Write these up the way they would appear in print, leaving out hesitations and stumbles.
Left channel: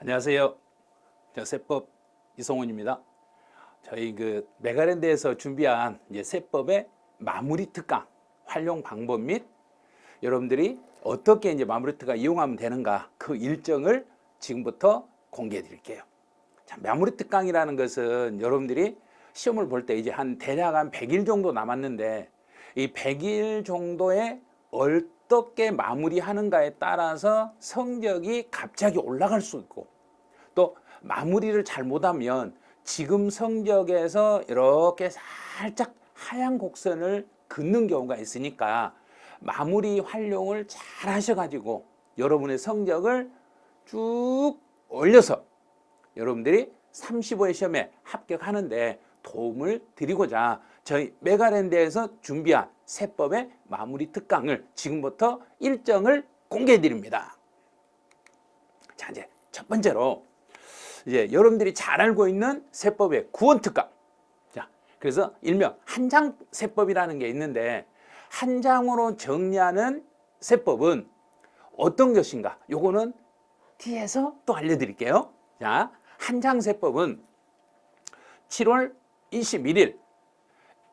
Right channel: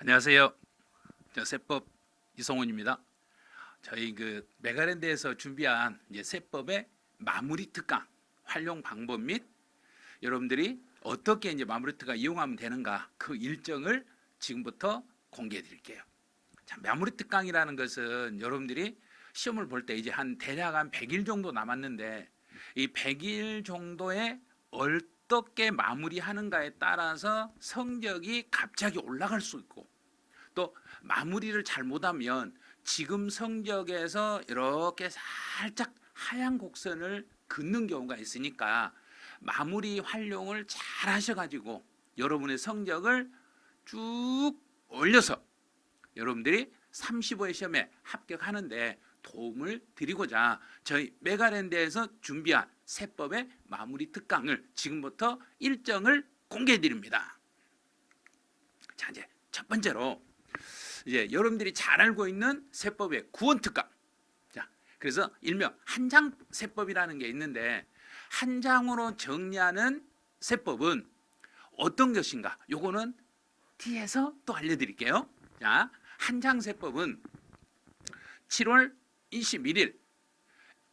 안녕하세요. 세법 이성훈입니다. 저희 메가랜드에서 준비한 이제 세법의 마무리 특강 활용 방법 및 여러분들이 어떻게 이제 마무리 특강 이용하면 되는가 그 일정을 지금부터 공개해 드릴게요. 자, 마무리 특강이라는 것은 여러분들이 시험을 볼 때 이제 대략 한 100일 정도 남았는데 이 100일 정도에 어떻게 마무리하는가에 따라서 성적이 갑자기 올라갈 수 있고 또 마무리를 잘못하면 지금 성적에서 이렇게 살짝 하얀 곡선을 긋는 경우가 있으니까 마무리 활용을 잘 하셔가지고 여러분의 성적을 쭉 올려서 여러분들이 35회 시험에 합격하는데 도움을 드리고자 저희 메가랜드에서 준비한 세법의 마무리 특강을 지금부터 일정을 공개해 드립니다. 자, 이제 첫 번째로 이제 여러분들이 잘 알고 있는 세법의 구원 특강. 자, 그래서 일명 한장 세법이라는 게 있는데 한 장으로 정리하는 세법은 어떤 것인가? 요거는 뒤에서 또 알려드릴게요. 자, 한장 세법은 7월 21일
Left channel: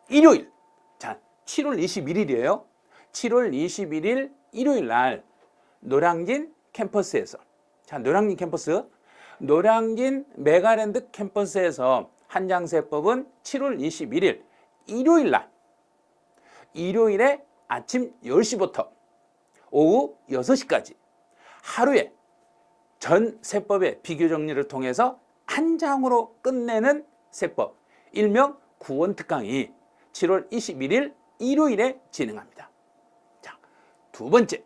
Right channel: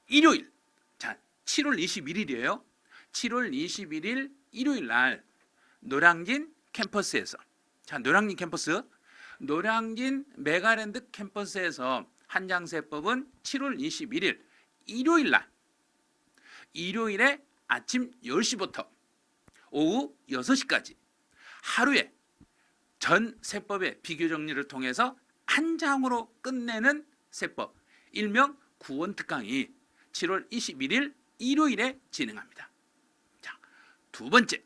일요일. 자, 7월 21일이에요. 7월 21일 일요일 날 노량진 캠퍼스에서 자, 노량진 캠퍼스 노량진 메가랜드 캠퍼스에서 한장세법은 7월 21일 일요일 날 일요일에 아침 10시부터 오후 6시까지 하루에 전 세법의 비교 정리를 통해서 한 장으로 끝내는 세법 일명 구원 특강이 7월 21일 일요일에 진행합니다. 자, 두 번째.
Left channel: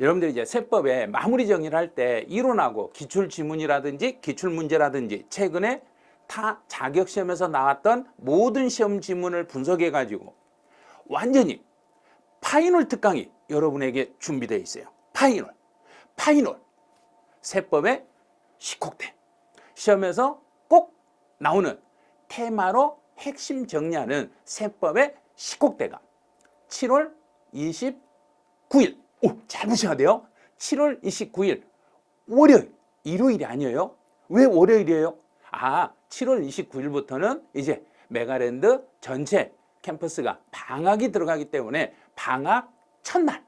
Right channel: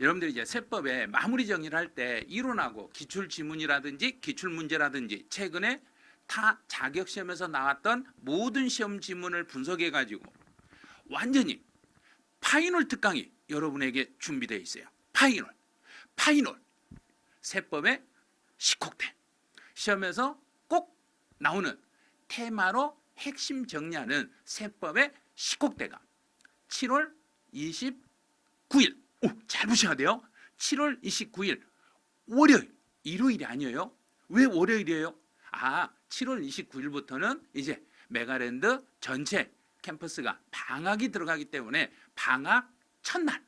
여러분들이 이제 세법의 마무리 정리를 할 때 이론하고 기출 지문이라든지 기출 문제라든지 최근에 타 자격 시험에서 나왔던 모든 시험 지문을 분석해 가지고 완전히 파이널 특강이 여러분에게 준비되어 있어요. 파이널 세법의 10곡대 시험에서 꼭 나오는 테마로 핵심 정리하는 세법의 10곡대가 7월 29일 잘 보셔야 돼요. 7월 29일 월요일, 일요일이 아니에요. 왜 월요일이에요? 7월 29일부터는 이제 메가랜드 전체 캠퍼스가 방학이 들어가기 때문에 방학 첫날.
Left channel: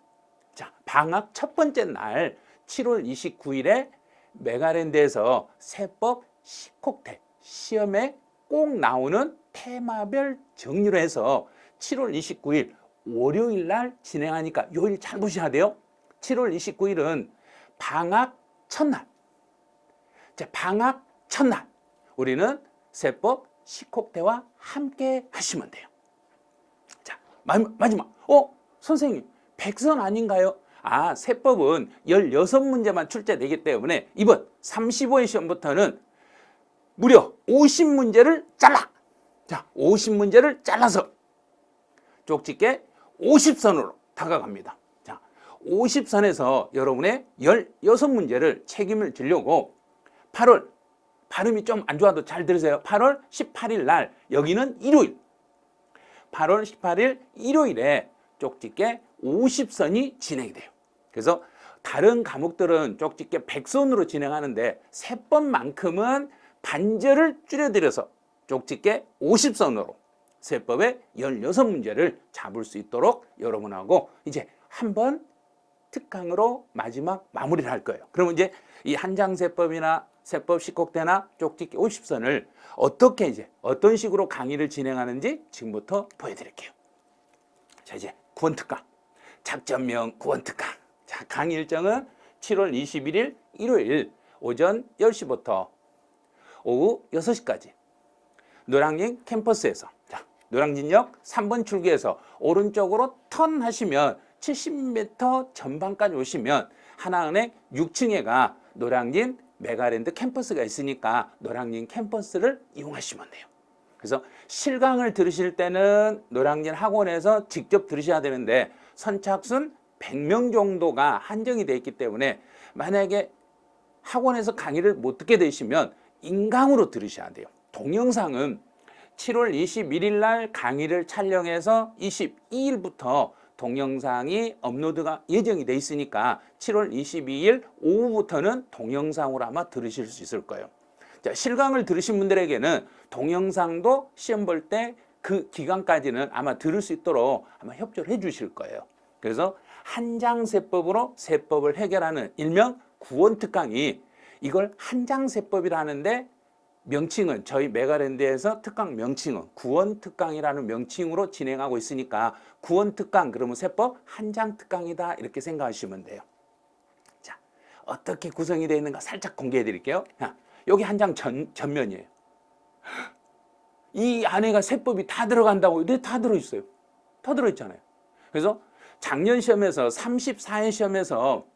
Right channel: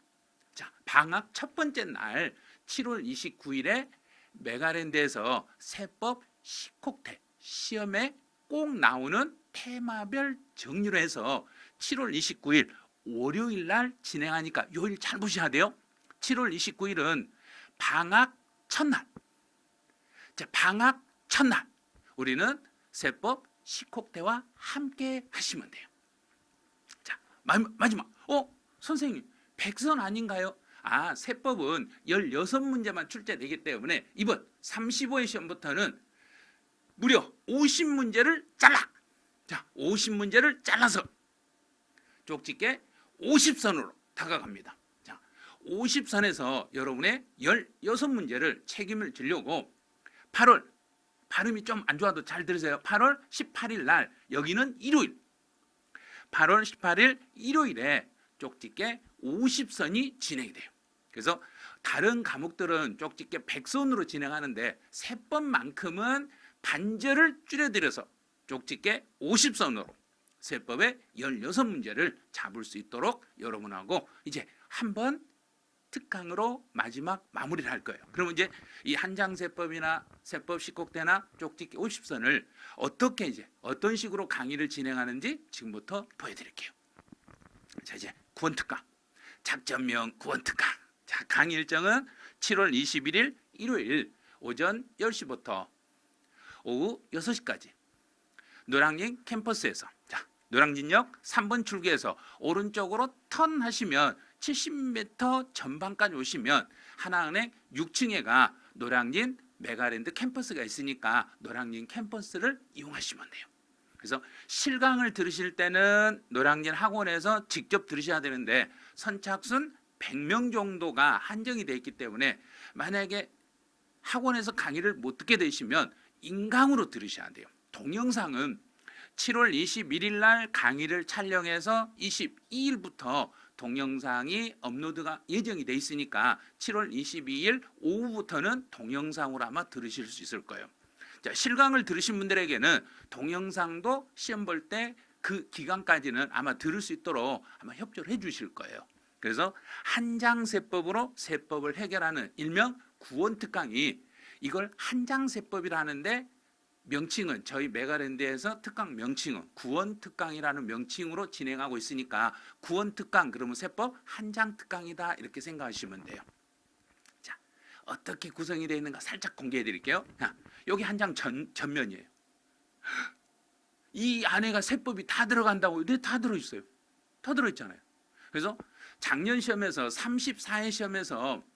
자, 방학 첫 번째 날 7월 29일에 메가랜드에서 세법 10곡대 시험에 꼭 나오는 테마별 정리로 해서 7월 29일 월요일 날 진행하니까 요일 잘 보셔야 돼요. 7월 29일은 방학 첫날. 자, 방학 첫날. 우리는 세법 10곡대와 함께 하시면 돼요. 자, 마지막. 선생님, 백선 아닌가요? 세법은 16문제만 출제되기 때문에 이번 35회 시험부터는 무려 50문제를 잘라. 자, 50문제를 잘라서 쪽집게 50선으로 다가갑니다. 자, 50선에서 여러분의 16문제를 책임을 지려고 8월, 발음이 좀 안 좋아도 잘 들으세요. 8월 18일 날, 여기는 일요일. 8월 18일 일요일에 쪽집게 50선이 진행이 돼요. 그래서 다른 과목들은 쪽집게 100선으로 진행하는데 세법만큼은 반절을 줄여드려서 쪽집게 50선으로 세법의 16문제를 잡을 수 있도록 여러분하고 이제 한번 특강으로 마지막 마무리를 할 거예요. 그러면 이제 이 한장세법이나 세법 10곡대나 쪽집기 50선을 어떻게 이제 어떤 식으로 강의를 진행하는지 지금부터 보여드릴게요. 자, 이제 구원특강. 작전명 구원특강. 자, 강의 일정은 7월 21일 일요일 오전 10시부터 오후 6시까지 노량진 캠퍼스에서 노량진역 3번 출구에서 오른쪽으로 턴하시면 70m 전방까지 오시면 하나은행 6층에가 노량진 메가랜드 캠퍼스가 있으니까 노량진 캠퍼스를 이용하시면 돼요. 그래서 실강을 들으실 때는 노량진 학원에서 직접 들으셔야 되는데 선착순 100명 정도가 한정이 되어 있기 때문에 만약에 학원에서 강의를 못 듣게 되시면 인강으로 들으셔야 돼요. 동영상은 7월 21일 날 강의를 촬영해서 22일부터 동영상이 업로드가 예정이 돼 있으니까 7월 22일 오후부터는 동영상으로 아마 들으실 수 있을 거예요. 자, 실강을 들으신 분들에게는 동영상도 시험 볼 때 그 기간까지는 아마 들을 수 있도록 아마 협조를 해 주실 거예요. 그래서 한장세법으로 세법을 해결하는 일명 구원특강이 이걸 한장세법이라는데 명칭은 저희 메가랜드에서 특강 명칭은 구원특강이라는 명칭으로 진행하고 있으니까 구원특강 그러면 세법 한장특강이다 이렇게 생각하시면 돼요. 자, 어떻게 구성이 되어 있는가 살짝 공개해 드릴게요. 여기 한 장 전면이에요. 이 안에가 세법이 다 들어간다고 네, 다 들어있어요. 다 들어있잖아요. 그래서 작년 시험에서 34회 시험에서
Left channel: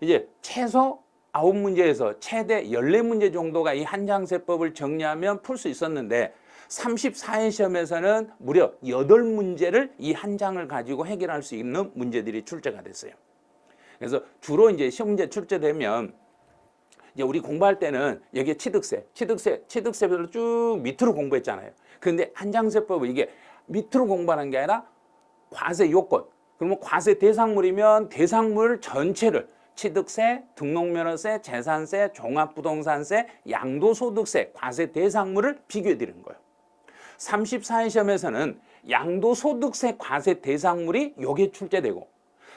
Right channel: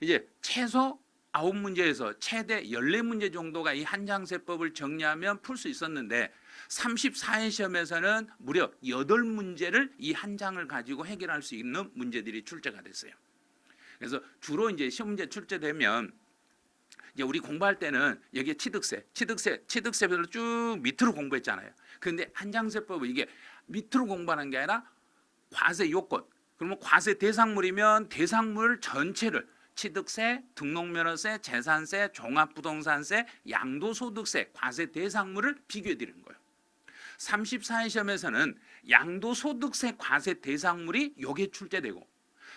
이제 최소 9문제에서 최대 14문제 정도가 이 한장세법을 정리하면 풀 수 있었는데 34회 시험에서는 무려 8문제를 이 한 장을 가지고 해결할 수 있는 문제들이 출제가 됐어요. 그래서 주로 이제 시험 문제 출제되면 이제 우리 공부할 때는 여기에 취득세별로 쭉 밑으로 공부했잖아요. 그런데 한장세법은 이게 밑으로 공부하는 게 아니라 과세 요건, 그러면 과세 대상물이면 대상물 전체를 취득세, 등록면허세, 재산세, 종합부동산세, 양도소득세, 과세 대상물을 비교해 드리는 거예요. 34회 시험에서는 양도소득세 과세 대상물이 여기에 출제되고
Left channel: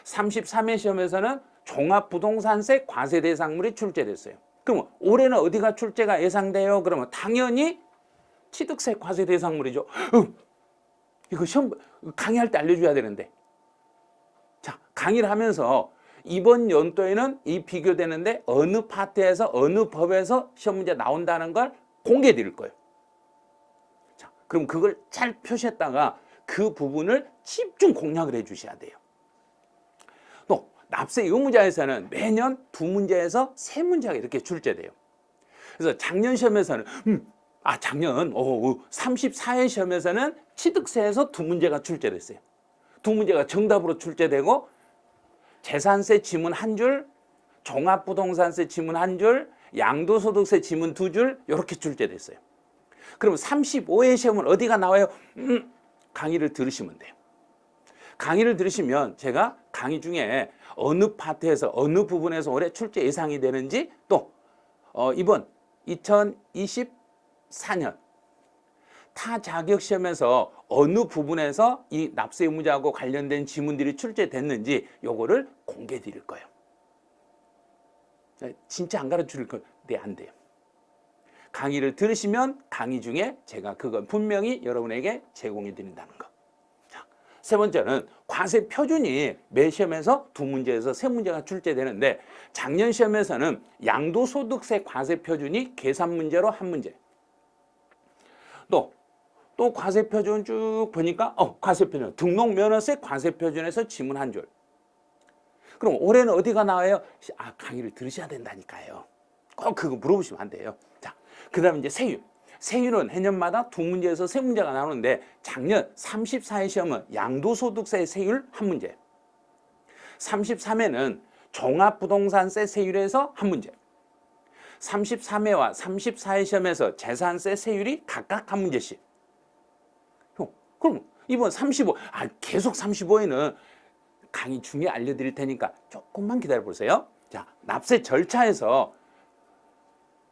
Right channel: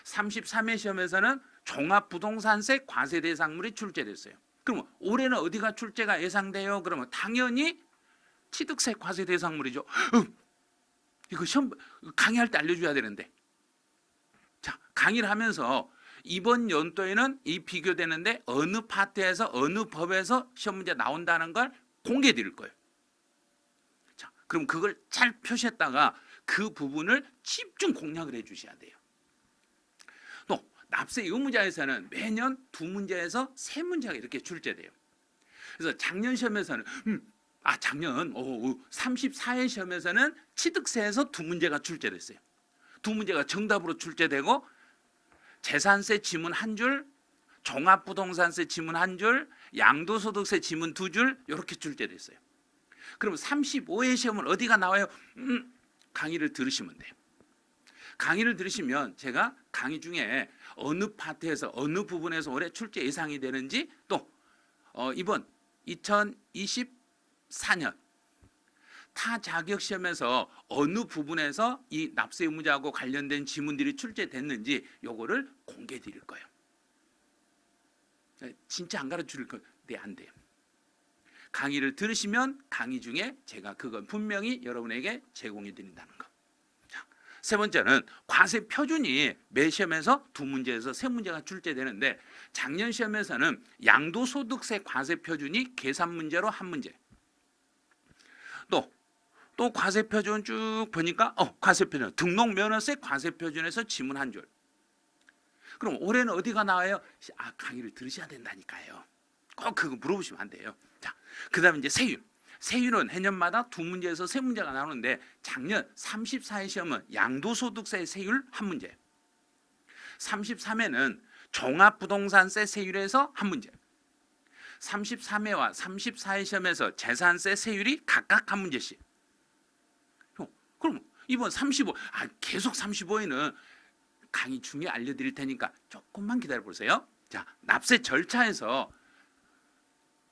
33회 시험에서는 종합부동산세 과세 대상물이 출제됐어요. 그러면 올해는 어디가 출제가 예상돼요? 그러면 당연히 취득세 과세 대상물이죠. 이거 시험 강의할 때 알려줘야 되는데. 자, 강의를 하면서 이번 연도에는 이 비교되는데 어느 파트에서 어느 법에서 시험 문제 나온다는 걸 공개해 드릴 거예요. 자, 그럼 그걸 잘 표시했다가 그 부분을 집중 공략을 해 주셔야 돼요. 또 납세 의무자에서는 매년 2문제에서 3문제가 이렇게 출제돼요. 그래서 작년 시험에서는 작년 34회 시험에서는 취득세에서 2문제가 출제됐어요. 2문제가 정답으로 출제되고 재산세 지문 1줄, 종합부동산세 지문 1줄, 양도소득세 지문 2줄 이렇게 출제됐어요. 그럼 35회 시험은 어디가 나와요? 강의를 들으시면 돼요. 강의를 들으시면 제가 강의 중에 어느 파트에서 어느 부분에서 올해 출제 예상이 되는지 또 이번 2024년 타 자격 시험에서 어느 부분에서 이 납세 의무자하고 관련된 지문들이 출제됐는지 요거를 공개해 드릴 거예요. 진짜 안 가르쳐 줄 건데 안 돼요. 강의를 들으시면 강의 중에 제가 그걸 분명히 여러분에게 제공해 드린다는 거. 자, 세 번째는 과세 표준이 매 시험에서 2문제에서 3문제가 출제되는데 작년 시험에서는 양도소득세 과세 표준이 계산 문제로 1문제. 또 과세 표준 쭉 보니까 과세 표준 등록면허세 과세 표준에서 지문 1줄. 그럼 올해는 어디가 나와요? 강의를 들으셔야 된다니까요. 꼭 그거 물어보시면 안 돼요. 자, 그다음에 이제 세율. 세율은 해년마다 2문제에서 3문제가 나오는데 작년 34회 시험은 양도소득세 세율 1문제. 33회는 종합부동산세 세율에서 1문제. 33회와 34회 시험에서 재산세 세율이 각각 1문제씩. 그럼 이번 35, 계속 35에는 강의 중에 알려드릴 테니까 조금만 기다려보세요. 자, 납세 절차에서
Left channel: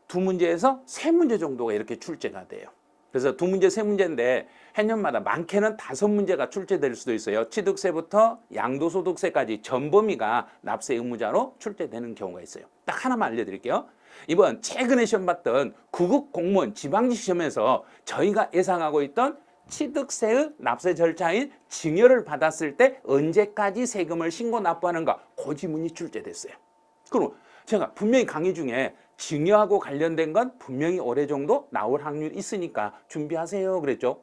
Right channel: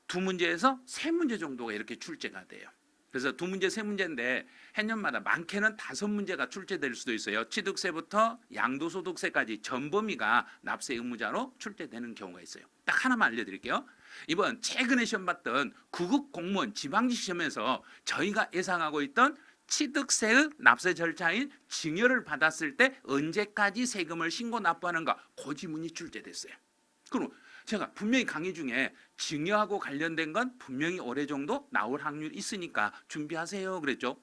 2문제에서 3문제 정도가 이렇게 출제가 돼요. 그래서 2문제, 3문제인데 해년마다 많게는 5문제가 출제될 수도 있어요. 취득세부터 양도소득세까지 전 범위가 납세 의무자로 출제되는 경우가 있어요. 딱 하나만 알려드릴게요. 이번 최근에 시험 봤던 구급 공무원 지방직 시험에서 저희가 예상하고 있던 취득세의 납세 절차인 증여를 받았을 때 언제까지 세금을 신고 납부하는가 그 지문이 출제됐어요. 그럼 제가 분명히 강의 중에 증여하고 관련된 건 분명히 올해 정도 나올 확률이 있으니까 준비하세요 그랬죠.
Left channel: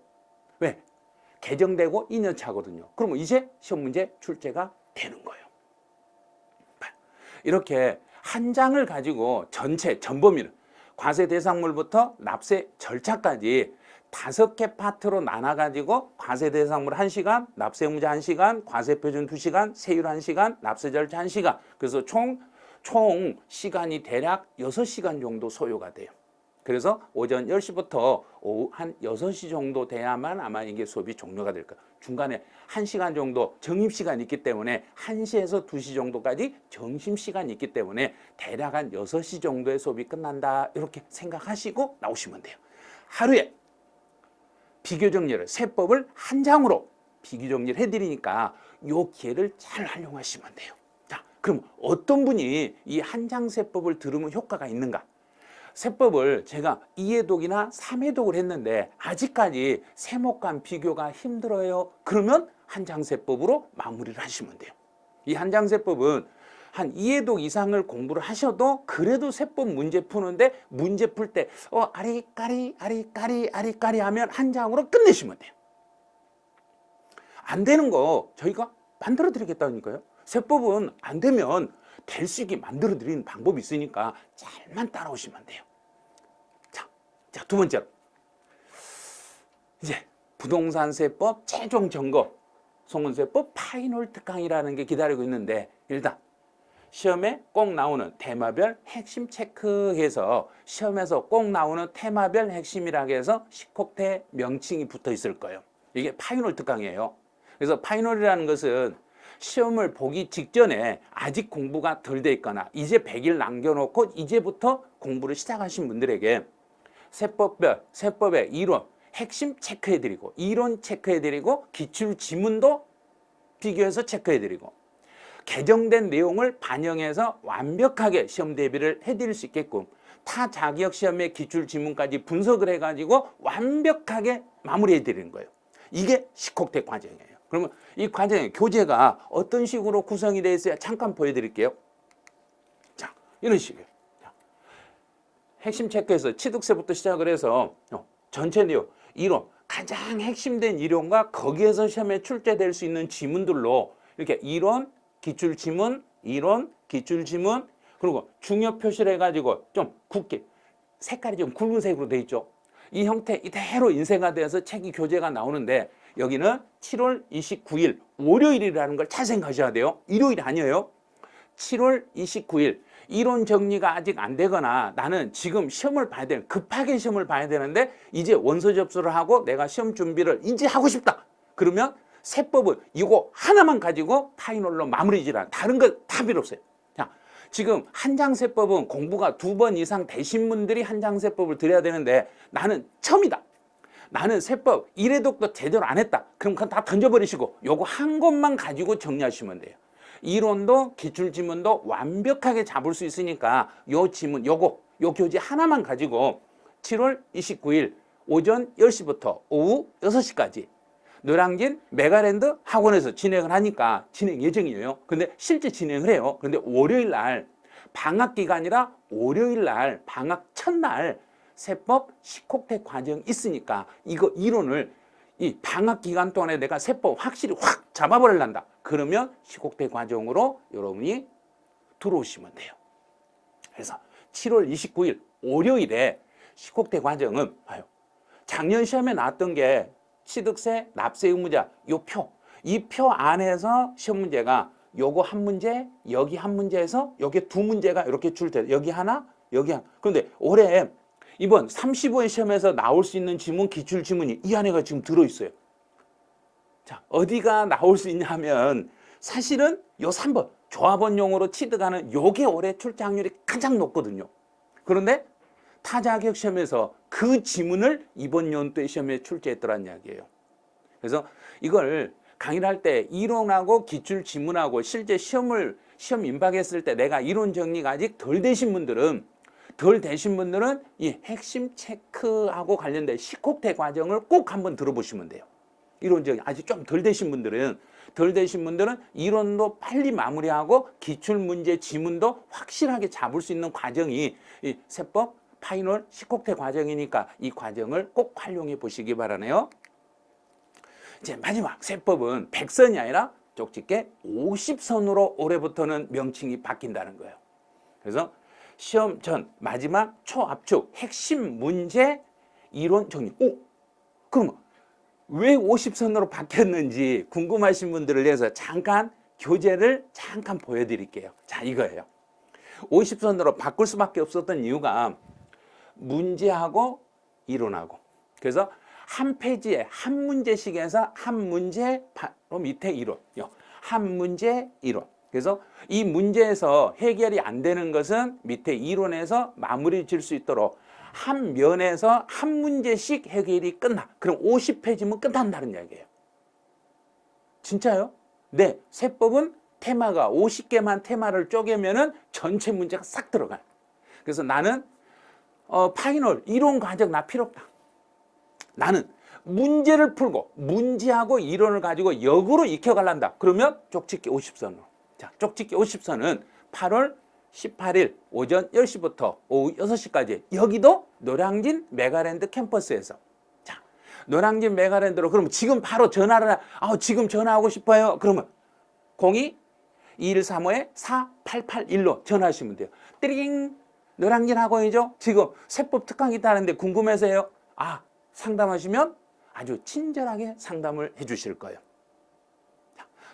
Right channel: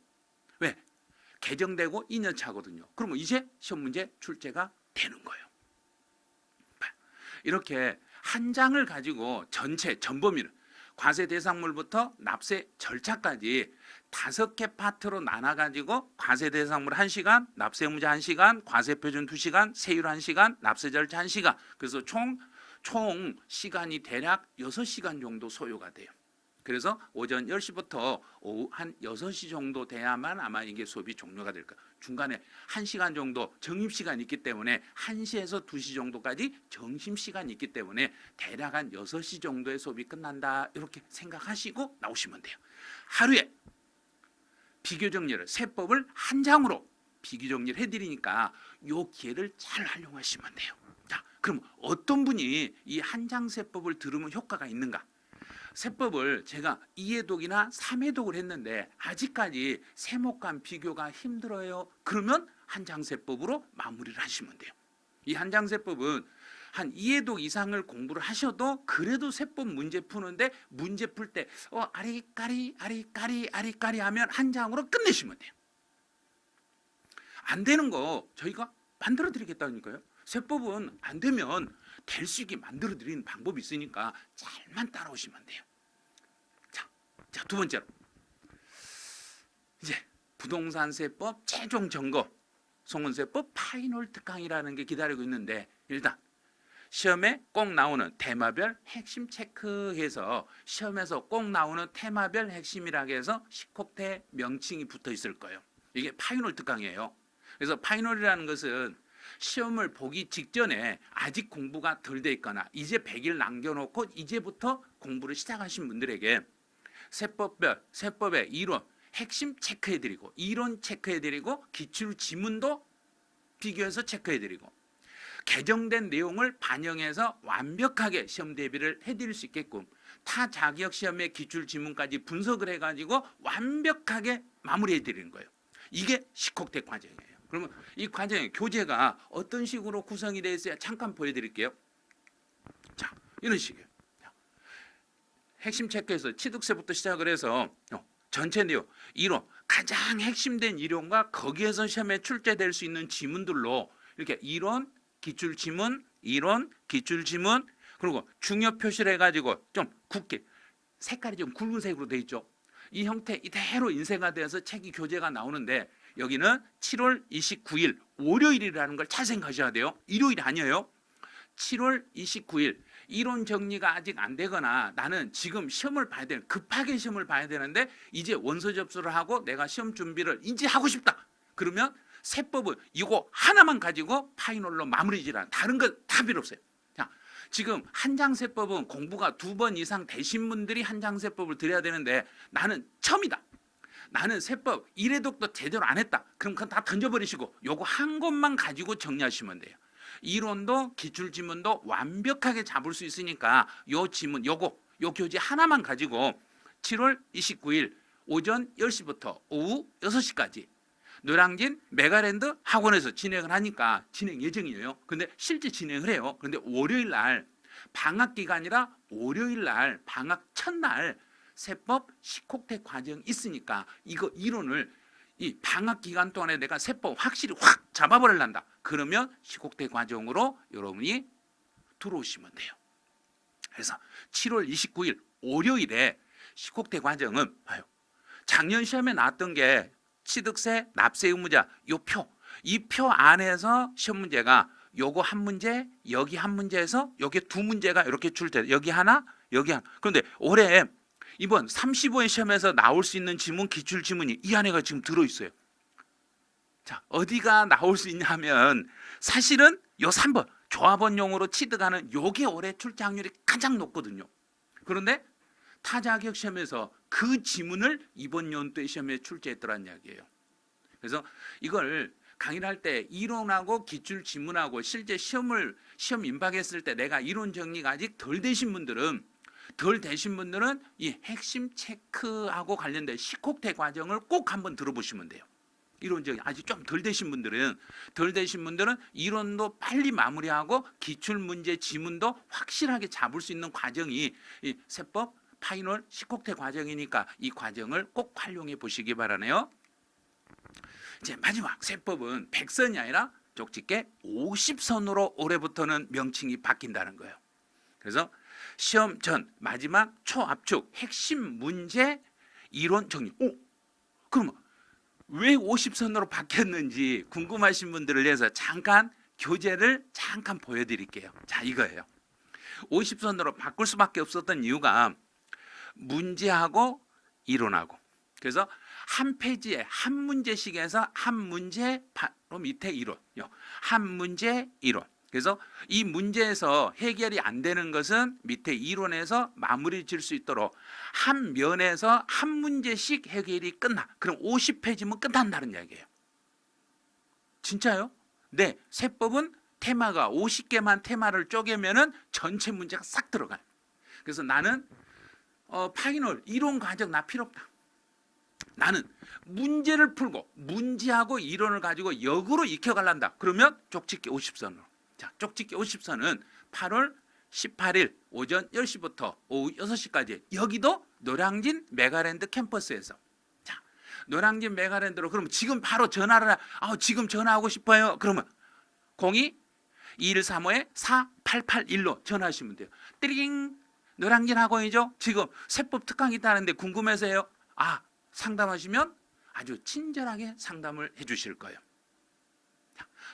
왜? 개정되고 2년 차거든요. 그러면 이제 시험 문제 출제가 되는 거예요. 이렇게 한 장을 가지고 전체 전범위를 과세 대상물부터 납세 절차까지 5개 파트로 나눠가지고 과세 대상물 1시간, 납세 의무자 1시간, 과세 표준 2시간, 세율 1시간, 납세 절차 1시간. 그래서 총 시간이 대략 6시간 정도 소요가 돼요. 그래서 오전 10시부터 오후 한 6시 정도 돼야만 아마 이게 수업이 종료가 될 거예요. 중간에 1시간 정도 정입시간이 있기 때문에 1시에서 2시 정도까지 점심시간이 있기 때문에 대략 한 6시 정도의 수업이 끝난다. 이렇게 생각하시고 나오시면 돼요. 하루에 비교정리를 세법을 한 장으로 비교정리를 해드리니까 이 기회를 잘 활용하시면 돼요. 자, 그럼 어떤 분이 이 한 장 세법을 들으면 효과가 있는가? 세법을 제가 2회독이나 3회독을 했는데 아직까지 세목간 비교가 힘들어요. 그러면 한 장 세법으로 마무리를 하시면 돼요. 이 한 장 세법은 한 2회독 이상을 공부를 하셔도 그래도 세법 문제 푸는데 문제 풀 때 아리까리 아리까리 아리까리 하면 한 장으로 끝내시면 돼요. 안 되는 거 저희가 만들어 드리겠다니까요. 세법은 안 되면 될 수 있게 만들어 드리는 방법이 있으니까 잘만 따라오시면 돼요. 자, 두 번째로 이제 부동산 세법 최종 점검 송은세법 파이널 특강이라는 게 기다리고 있는데 일단 시험에 꼭 나오는 테마별 핵심 체크해서 시험에서 꼭 나오는 테마별 핵심이라고 해서 10곡대 명칭이 붙어 있을 거예요. 이게 파이널 특강이에요. 그래서 파이널이라는 것은 시험을 보기 직전에 아직 공부가 덜 돼 있거나 이제 100일 남겨놓고 이제부터 공부를 시작하신 분들에게 세법별, 세법의 이론, 핵심 체크해드리고 이론 체크해드리고 기출 지문도 비교해서 체크해드리고 개정된 내용을 반영해서 완벽하게 시험 대비를 해드릴 수 있게끔 타 자격 시험의 기출 지문까지 분석을 해가지고 완벽하게 마무리해드리는 거예요. 이게 10곡대 과정이에요. 그러면 이 과정의 교재가 어떤 식으로 구성이 되어 있어야 잠깐 보여드릴게요. 자, 이런 식이에요. 핵심 체크에서 취득세부터 시작을 해서 전체 내용, 이론, 가장 핵심된 이론과 거기에서 시험에 출제될 수 있는 지문들로 이렇게 이론, 기출지문, 이론, 기출지문, 그리고 중요 표시를 해가지고 좀 굵게 색깔이 좀 굵은색으로 돼 있죠. 이 형태 이대로 인쇄가 되어서 책이 교재가 나오는데 여기는 7월 29일 월요일이라는 걸 잘 생각하셔야 돼요. 일요일이 아니에요. 7월 29일 이론 정리가 아직 안 되거나 나는 지금 시험을 봐야 되는 급하게 시험을 봐야 되는데 이제 원서 접수를 하고 내가 시험 준비를 이제 하고 싶다. 그러면 세법은 이거 하나만 가지고 파이널로 마무리 지라 다른 거 다 필요 없어요. 자, 지금 한 장 세법은 공부가 2번 이상 되신 분들이 한 장 세법을 드려야 되는데 나는 처음이다. 나는 세법 1회독도 제대로 안 했다. 그럼 그건 다 던져버리시고 요거 한 것만 가지고 정리하시면 돼요. 이론도 기출지문도 완벽하게 잡을 수 있으니까 요 지문 요 교재 하나만 가지고 7월 29일 오전 10시부터 오후 6시까지 노량진 메가랜드 학원에서 진행을 하니까 진행 예정이에요. 근데 실제 진행을 해요. 근데 월요일 날 방학 기간이라 월요일 날 방학 첫날 세법 10곡대 과정 있으니까 이거 이론을 이 방학 기간 동안에 내가 세법 확실히 확 잡아버릴란다. 그러면 10곡대 과정으로 여러분이 들어오시면 돼요. 그래서 7월 29일 월요일에 10곡대 과정은 작년 시험에 나왔던 게 취득세, 납세 의무자 요 표, 이 표 안에서 시험 문제가 요거 한 문제, 여기 한 문제에서 여기 두 문제가 이렇게 출제, 여기 하나, 여기 하나. 그런데 올해 이번 35회 시험에서 나올 수 있는 지문, 기출 지문이 이 안에가 지금 들어있어요. 자, 어디가 나올 수 있냐 하면 사실은 요 3번 조합원용으로 취득하는 요게 올해 출제확률이 가장 높거든요. 그런데 타자격 시험에서 그 지문을 이번 연도에 시험에 출제했더란 이야기예요. 그래서 이걸 강의를 할 때 이론하고 기출 지문하고 실제 시험 임박했을 때 내가 이론 정리가 아직 덜 되신 분들은 이 핵심 체크하고 관련된 10곡대 과정을 꼭 한번 들어보시면 돼요. 이론적인 아직 좀 덜 되신 분들은 이론도 빨리 마무리하고 기출 문제 지문도 확실하게 잡을 수 있는 과정이 이 세법 파이널 10곡대 과정이니까 이 과정을 꼭 활용해 보시기 바라네요. 이제 마지막 세법은 100선이 아니라 쪽집게 50선으로 올해부터는 명칭이 바뀐다는 거예요. 그래서 시험 전 마지막 초압축 핵심 문제 이론 정리. 그럼 왜 50선으로 바뀌었는지 궁금하신 분들을 위해서 잠깐 교재를 잠깐 보여드릴게요. 자, 이거예요. 50선으로 바꿀 수밖에 없었던 이유가 문제하고 이론하고 그래서 한 페이지에 한 문제씩에서 한 문제 바로 밑에 이론, 한 문제 이론. 그래서 이 문제에서 해결이 안 되는 것은 밑에 이론에서 마무리 질 수 있도록 한 면에서 한 문제씩 해결이 끝나. 그럼 50페이지면 끝난다는 이야기예요. 진짜요? 네, 세법은 테마가 50개만 테마를 쪼개면은 전체 문제가 싹 들어가요. 그래서 나는 파이널 이론 과정 나 필요 없다. 나는 문제를 풀고 문제하고 이론을 가지고 역으로 익혀갈란다. 그러면 쪽집기 50선으로. 자, 쪽집기 50선은 8월 18일 오전 10시부터 오후 6시까지 여기도 노량진 메가랜드 캠퍼스에서. 자, 노량진 메가랜드로 그러면 지금 바로 전화를 지금 전화하고 싶어요. 그러면 02-2135-4881로 전화하시면 돼요. 띠링 노량진 학원이죠. 지금 세법 특강이 있다는데 궁금해서요. 상담하시면 아주 친절하게 상담을 해 주실 거예요.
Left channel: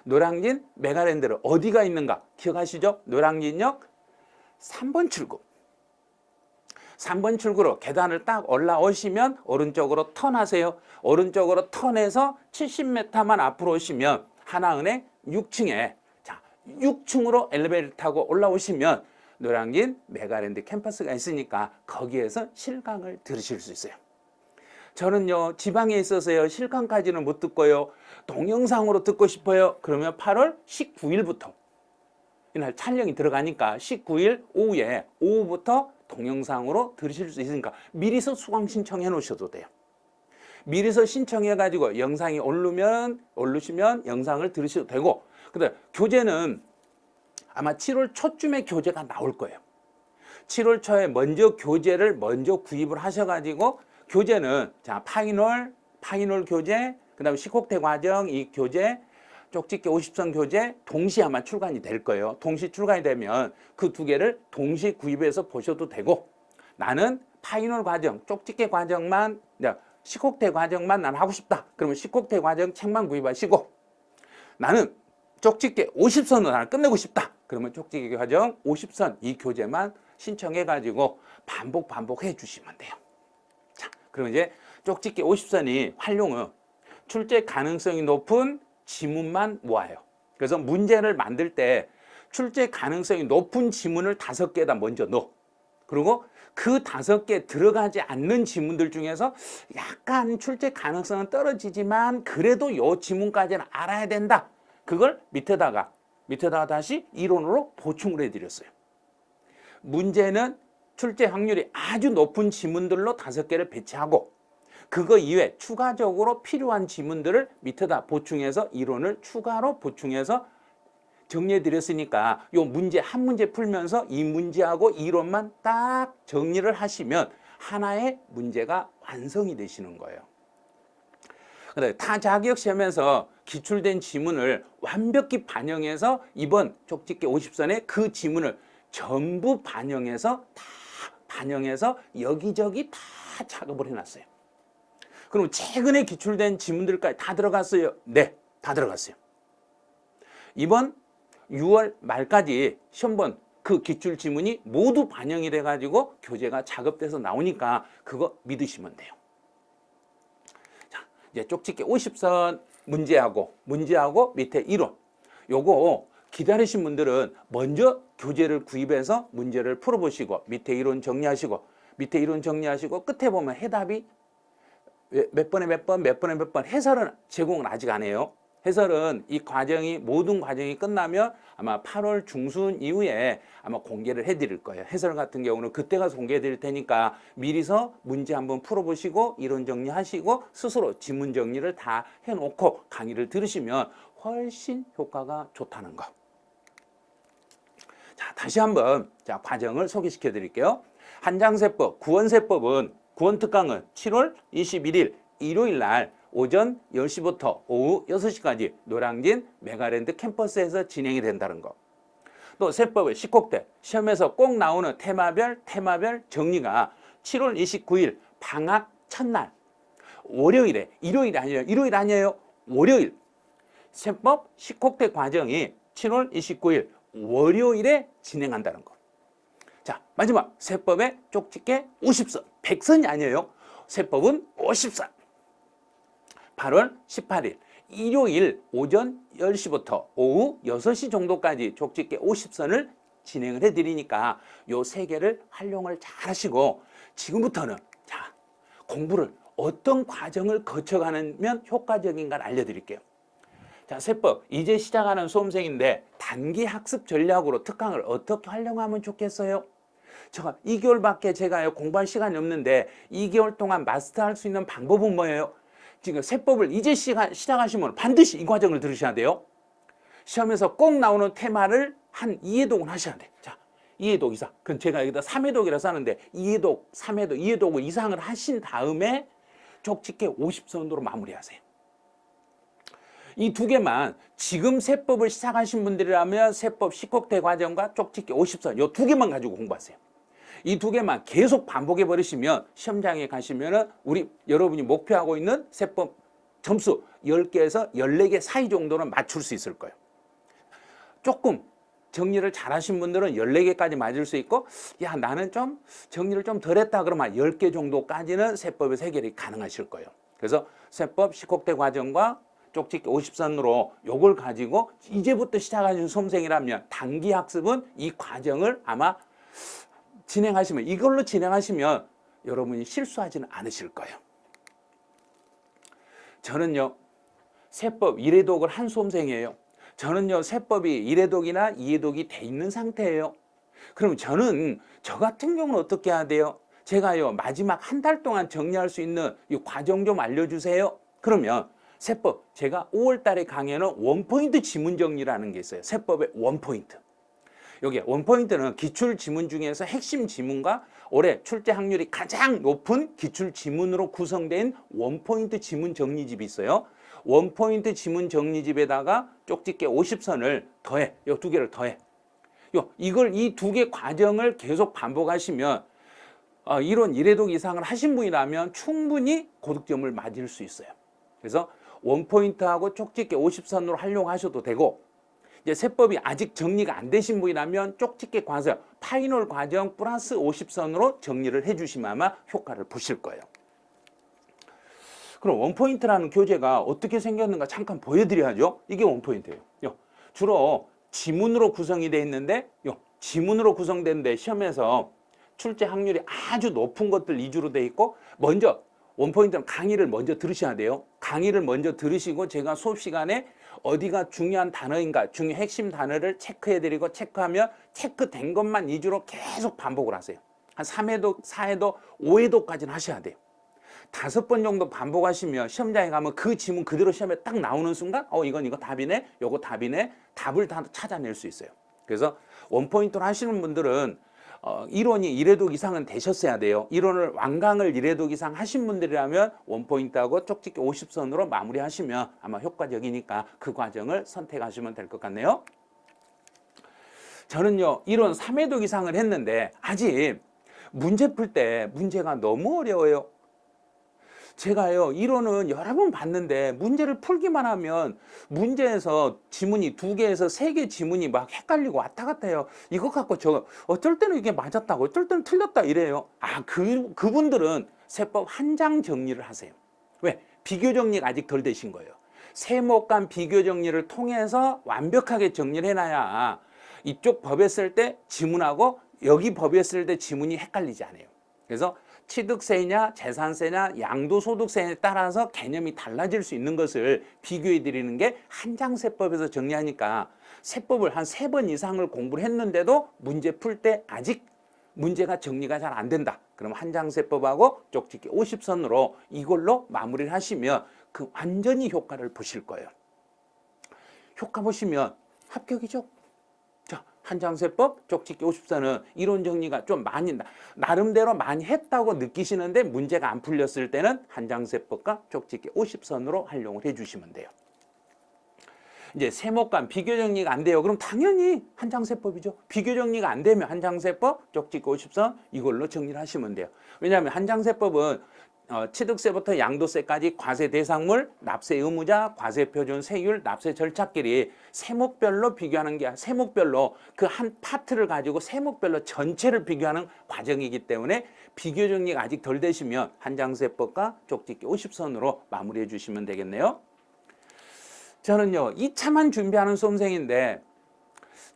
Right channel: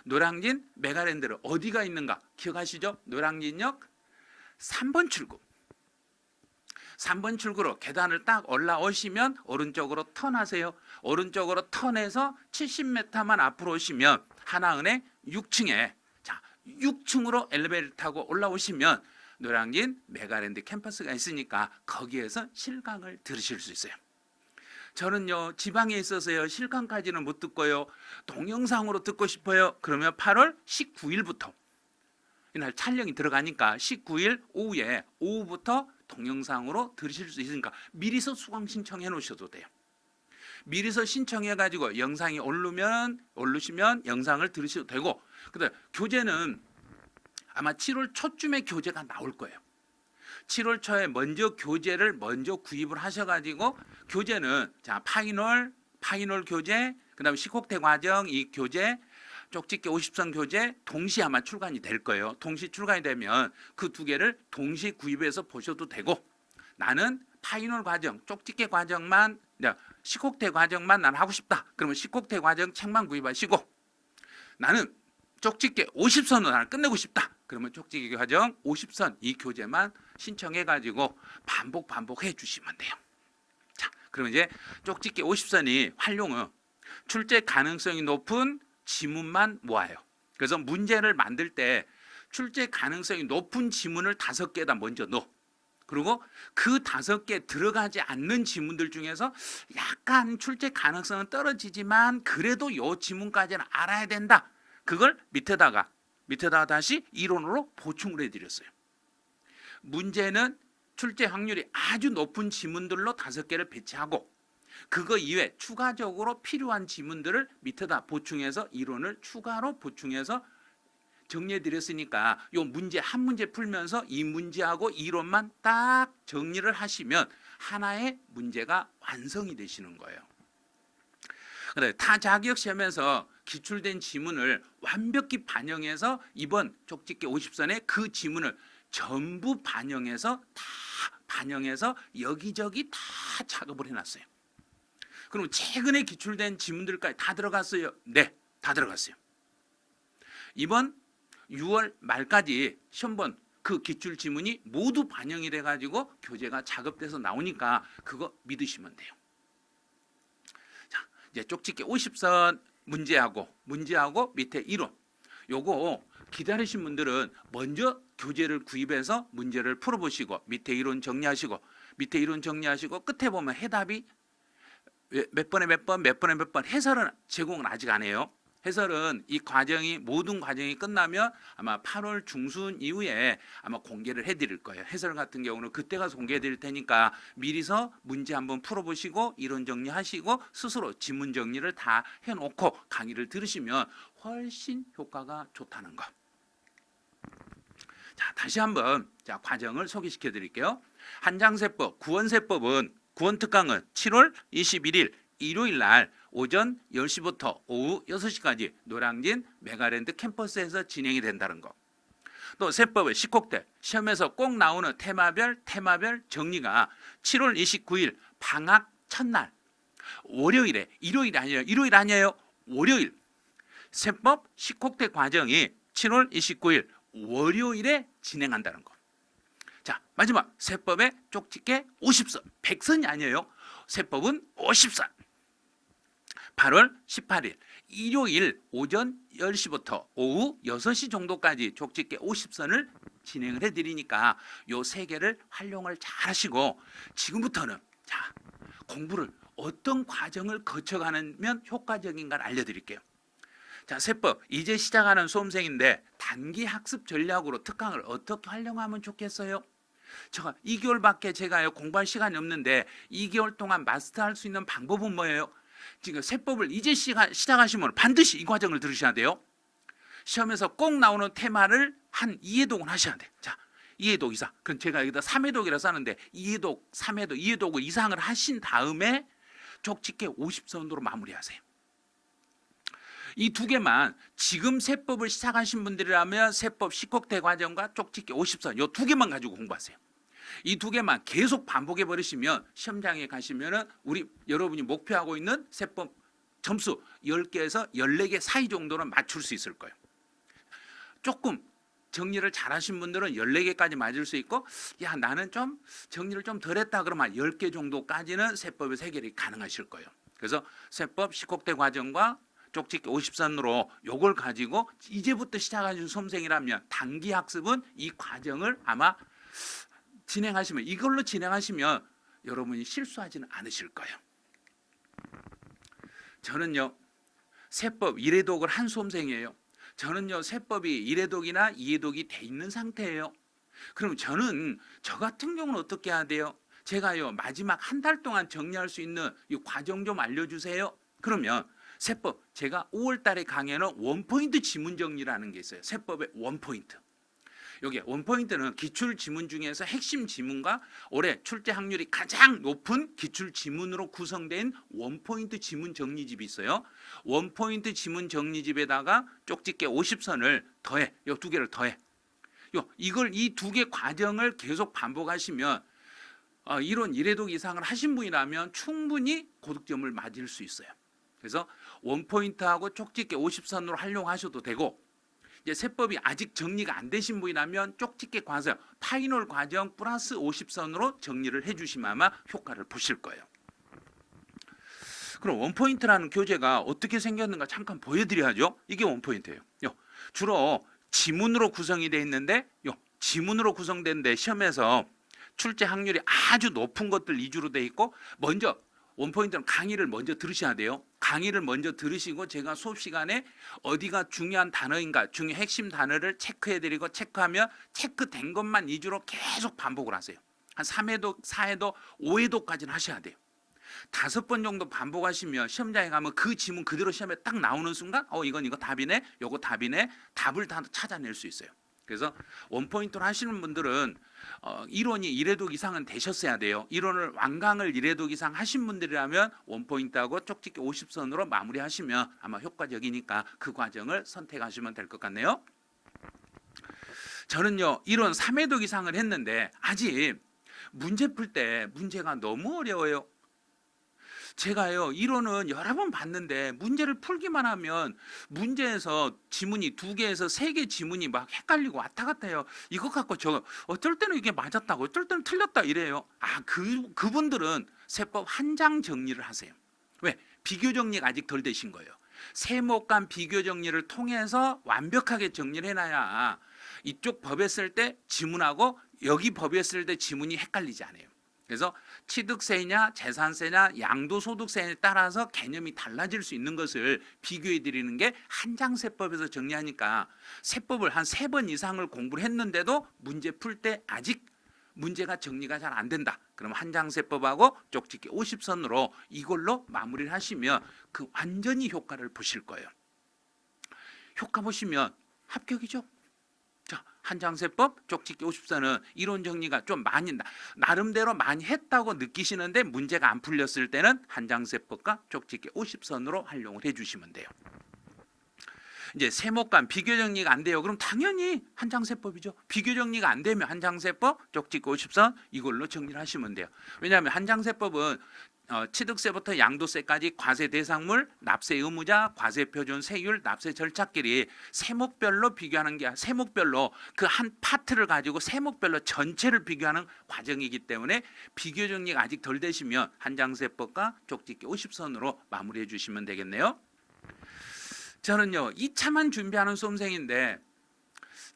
노량진 메가랜드를 어디가 있는가 기억하시죠? 노량진역 3번 출구. 3번 출구로 계단을 딱 올라오시면 오른쪽으로 턴하세요. 오른쪽으로 턴해서 70m만 앞으로 오시면 하나은행 6층에 6층으로 엘리베이터 타고 올라오시면 노량진 메가랜드 캠퍼스가 있으니까 거기에서 실강을 들으실 수 있어요. 저는요 지방에 있어서요 실강까지는 못 듣고요 동영상으로 듣고 싶어요. 그러면 8월 19일부터 이날 촬영이 들어가니까 19일 오후부터 동영상으로 들으실 수 있으니까 미리서 수강 신청해 놓으셔도 돼요. 미리서 신청해 가지고 영상이 오르시면 영상을 들으셔도 되고, 근데 교재는 아마 7월 초쯤에 교재가 나올 거예요. 7월 초에 먼저 교재를 먼저 구입을 하셔가지고 교재는 파이널 교재, 그다음에 식혹대 과정 이 교재, 쪽집기 50선 교재 동시에 아마 출간이 될 거예요. 동시 출간이 되면 그 두 개를 동시 구입해서 보셔도 되고, 나는 파이널 과정, 쪽집기 과정만, 식혹대 과정만 난 하고 싶다. 그러면 식혹대 과정 책만 구입하시고, 나는 쪽집기 50선으로 나는 끝내고 싶다. 그러면 쪽집기 과정 50선 이 교재만 신청해가지고 반복해 주시면 돼요. 자, 그럼 이제 쪽집기 50선이 활용은 출제 가능성이 높은 지문만 모아요. 그래서 문제를 만들 때 출제 가능성이 높은 지문을 5개에다 먼저 넣어. 그리고 그 5개 들어가지 않는 지문들 중에서 약간 출제 가능성은 떨어지지만 그래도 요 지문까지는 알아야 된다. 그걸 밑에다가 다시 이론으로 보충을 해드렸어요. 문제는 출제 확률이 아주 높은 지문들로 5개를 배치하고, 그거 이외에 추가적으로 필요한 지문들을 밑에다 보충해서 이론을 추가로 보충해서 정리해 드렸으니까 요 문제 한 문제 풀면서 이 문제하고 이론만 딱 정리를 하시면 하나의 문제가 완성이 되시는 거예요. 근데 타 자격 시험에서 기출된 지문을 완벽히 반영해서 이번 쪽집기 50선에 그 지문을 전부 반영해서 여기저기 다 작업을 해놨어요. 그럼 최근에 기출된 지문들까지 다 들어갔어요? 네, 다 들어갔어요. 이번 6월 말까지 시험본 그 기출 지문이 모두 반영이 돼가지고 교재가 작업돼서 나오니까 그거 믿으시면 돼요. 자, 이제 쪽집기 50선 문제하고 밑에 이론, 요거 기다리신 분들은 먼저 교재를 구입해서 문제를 풀어보시고 밑에 이론 정리하시고 끝에 보면 해답이 몇 번에 몇 번 해설은 제공은 아직 안 해요. 해설은 이 과정이 모든 과정이 끝나면 아마 8월 중순 이후에 아마 공개를 해드릴 거예요. 해설 같은 경우는 그때 가서 공개해드릴 테니까 미리서 문제 한번 풀어보시고 이론 정리하시고 스스로 지문 정리를 다 해놓고 강의를 들으시면 훨씬 효과가 좋다는 거. 자, 다시 한번 과정을 소개시켜 드릴게요. 한장세법, 구원세법은 구원특강은 7월 21일 일요일 날 오전 10시부터 오후 6시까지 노량진 메가랜드 캠퍼스에서 진행이 된다는 거. 또 세법의 식혹대, 시험에서 꼭 나오는 테마별 정리가 7월 29일 방학 첫날 월요일에, 일요일 아니에요. 월요일 세법 식혹대 과정이 7월 29일 월요일에 진행한다는 거. 자, 마지막 세법의 쪽집기 50선, 100선이 아니에요. 세법은 50선. 8월 18일 일요일 오전 10시부터 오후 6시 정도까지 족집게 50선을 진행을 해드리니까 요 세 개를 활용을 잘 하시고 지금부터는 자 공부를 어떤 과정을 거쳐가면 효과적인가를 알려드릴게요. 자, 세법 이제 시작하는 수험생인데 단기 학습 전략으로 특강을 어떻게 활용하면 좋겠어요? 제가 2개월밖에 제가 공부할 시간이 없는데 2개월 동안 마스터할 수 있는 방법은 뭐예요? 지금 세법을 이제 시작하시면 반드시 이 과정을 들으셔야 돼요. 시험에서 꼭 나오는 테마를 한 2회독은 하셔야 돼. 자, 2회독 이상. 그럼 제가 여기다 3회독이라고 하는데 2회독, 3회독, 2회독 이상을 하신 다음에 족집게 50선으로 마무리하세요. 이 두 개만 지금 세법을 시작하신 분들이라면 세법 10곡대 과정과 쪽집게 50선 이 두 개만 가지고 공부하세요. 이 두 개만 계속 반복해 버리시면 시험장에 가시면은 여러분이 목표하고 있는 세법 점수 10개에서 14개 사이 정도는 맞출 수 있을 거예요. 조금 정리를 잘 하신 분들은 14개까지 맞을 수 있고 야 나는 좀 정리를 좀 덜 했다 그러면 10개 정도까지는 세법에서 해결이 가능하실 거예요. 그래서 세법 10곡대 과정과 쪽집게 50선으로 요걸 가지고 이제부터 시작하신 수험생이라면 단기 학습은 이 과정을 아마 이걸로 진행하시면 여러분이 실수하지는 않으실 거예요. 저는요 세법 1회독을 한 수험생이에요. 저는요 세법이 1회독이나 2회독이 돼 있는 상태예요. 그럼 저는 저 같은 경우는 어떻게 해야 돼요? 제가요 마지막 한 달 동안 정리할 수 있는 이 과정 좀 알려주세요. 그러면 세법 제가 5월 달에 강의는 원포인트 지문 정리라는 게 있어요. 세법의 원포인트. 여기 원포인트는 기출 지문 중에서 핵심 지문과 올해 출제 확률이 가장 높은 기출 지문으로 구성된 원포인트 지문 정리집이 있어요. 원포인트 지문 정리집에다가 쪽집게 50선을 더해. 이 두 개를 더해. 이걸 이 두 개 과정을 계속 반복하시면 이론 1회독 이상을 하신 분이라면 충분히 고득점을 맞을 수 있어요. 그래서 원포인트하고 쪽집게 50선으로 활용하셔도 되고 이제 세법이 아직 정리가 안 되신 분이라면 쪽집게 과정, 파이널 과정 플러스 50선으로 정리를 해주시면 아마 효과를 보실 거예요. 그럼 원포인트라는 교재가 어떻게 생겼는가 잠깐 보여드려야죠. 이게 원포인트예요. 주로 지문으로 구성이 되어 있는데 지문으로 구성되는데 시험에서 출제 확률이 아주 높은 것들 위주로 되어 있고 먼저 원포인트는 강의를 먼저 들으셔야 돼요. 강의를 먼저 들으시고 제가 수업 시간에 어디가 중요한 단어인가 중요 핵심 단어를 체크해드리고 체크하면 체크된 것만 위주로 계속 반복을 하세요. 한 3회독, 4회독, 5회독까지는 하셔야 돼요. 5번 정도 반복하시면 시험장에 가면 그 지문 그대로 시험에 딱 나오는 순간 이건 이거 답이네, 요거 답이네, 답을 다 찾아낼 수 있어요. 그래서 원포인트로 하시는 분들은 이론이 1회독 이상은 되셨어야 돼요. 이론을 완강을 1회독 이상 하신 분들이라면 원포인트하고 쪽집게 50선으로 마무리하시면 아마 효과적이니까 그 과정을 선택하시면 될 것 같네요. 저는요 이론 3회독 이상을 했는데 아직 문제 풀 때 문제가 너무 어려워요. 제가요 이론은 여러 번 봤는데 문제를 풀기만 하면 문제에서 지문이 2개에서 3개 지문이 막 헷갈리고 왔다 갔다 해요. 이거 갖고 저 어쩔 때는 이게 맞았다고 어쩔 때는 틀렸다 이래요. 그분들은 세법 한 장 정리를 하세요. 왜? 비교 정리가 아직 덜 되신 거예요. 세목 간 비교 정리를 통해서 완벽하게 정리를 해놔야 이쪽 법에 쓸 때 지문하고 여기 법에 쓸 때 지문이 헷갈리지 않아요. 그래서 취득세냐 재산세냐 양도소득세에 따라서 개념이 달라질 수 있는 것을 비교해 드리는 게 한장세법에서 정리하니까 세법을 한 3번 이상을 공부를 했는데도 문제 풀 때 아직 문제가 정리가 잘 안 된다. 그럼 한장세법하고 쪽집게 50선으로 이걸로 마무리를 하시면 그 완전히 효과를 보실 거예요. 효과 보시면 합격이죠. 한장세법, 쪽집게 50선은 이론 정리가 좀 많이 나름대로 많이 했다고 느끼시는데 문제가 안 풀렸을 때는 한장세법과 쪽집게 50선으로 활용을 해주시면 돼요. 이제 세목 간 비교 정리가 안 돼요. 그럼 당연히 한장세법이죠. 비교 정리가 안 되면 한장세법, 쪽집게 50선 이걸로 정리를 하시면 돼요. 왜냐하면 한장세법은 취득세부터 양도세까지 과세 대상물, 납세 의무자, 과세 표준, 세율, 납세 절차끼리 세목별로 비교하는 게 세목별로 그 한 파트를 가지고 세목별로 전체를 비교하는 과정이기 때문에 비교 정리가 아직 덜 되시면 한장세법과 쪽집기 50선으로 마무리해 주시면 되겠네요. 저는요 2차만 준비하는 수험생인데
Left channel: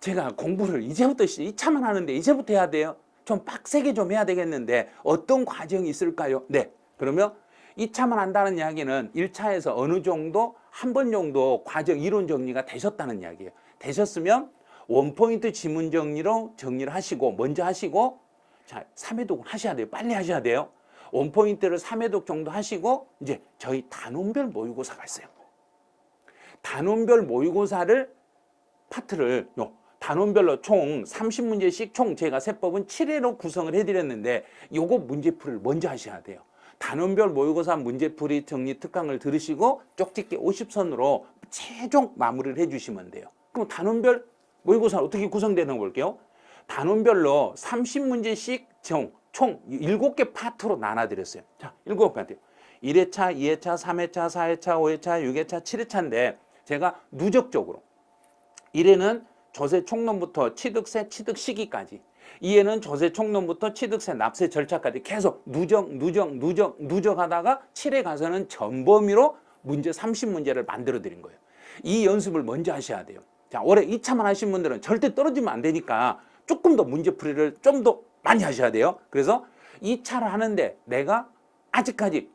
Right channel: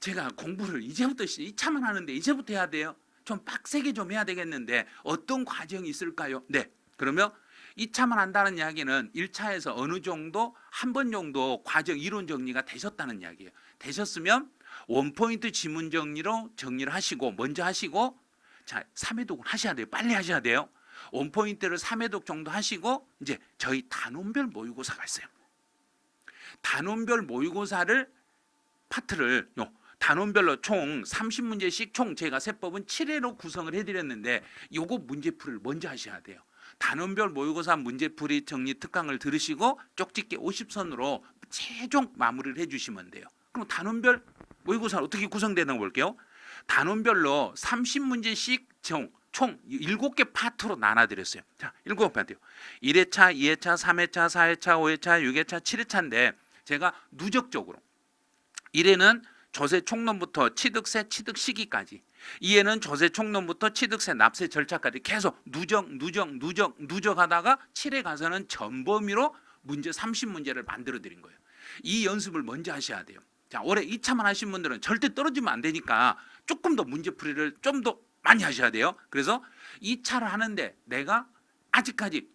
제가 공부를 이제부터 2차만 하는데 이제부터 해야 돼요. 좀 빡세게 좀 해야 되겠는데 어떤 과정이 있을까요? 네. 그러면 2차만 한다는 이야기는 1차에서 어느 정도 한 번 정도 과정 이론 정리가 되셨다는 이야기예요. 되셨으면 원포인트 지문 정리로 정리를 하시고 먼저 하시고 자 3회독을 하셔야 돼요. 빨리 하셔야 돼요. 원포인트를 3회독 정도 하시고 이제 저희 단원별 모의고사가 있어요. 단원별 모의고사를 파트를 단원별로 총 30문제씩 총 제가 세법은 7회로 구성을 해드렸는데 요거 문제풀이를 먼저 하셔야 돼요. 단원별 모의고사 문제풀이 정리 특강을 들으시고 쪽집기 50선으로 최종 마무리를 해주시면 돼요. 그럼 단원별 모의고사는 어떻게 구성되는 거 볼게요. 단원별로 30문제씩 총 7개 파트로 나눠드렸어요. 자, 7개 파트요. 1회차, 2회차, 3회차, 4회차, 5회차, 6회차, 7회차인데 제가 누적적으로 1회는 조세 총론부터 취득세 취득 시기까지 2회는 조세 총론부터 취득세 납세 절차까지 계속 누적하다가 7회 가서는 전범위로 문제 30문제를 만들어 드린 거예요. 이 연습을 먼저 하셔야 돼요. 자, 올해 2차만 하신 분들은 절대 떨어지면 안 되니까 조금 더 문제풀이를 좀 더 많이 하셔야 돼요. 그래서 2차를 하는데 내가 아직까지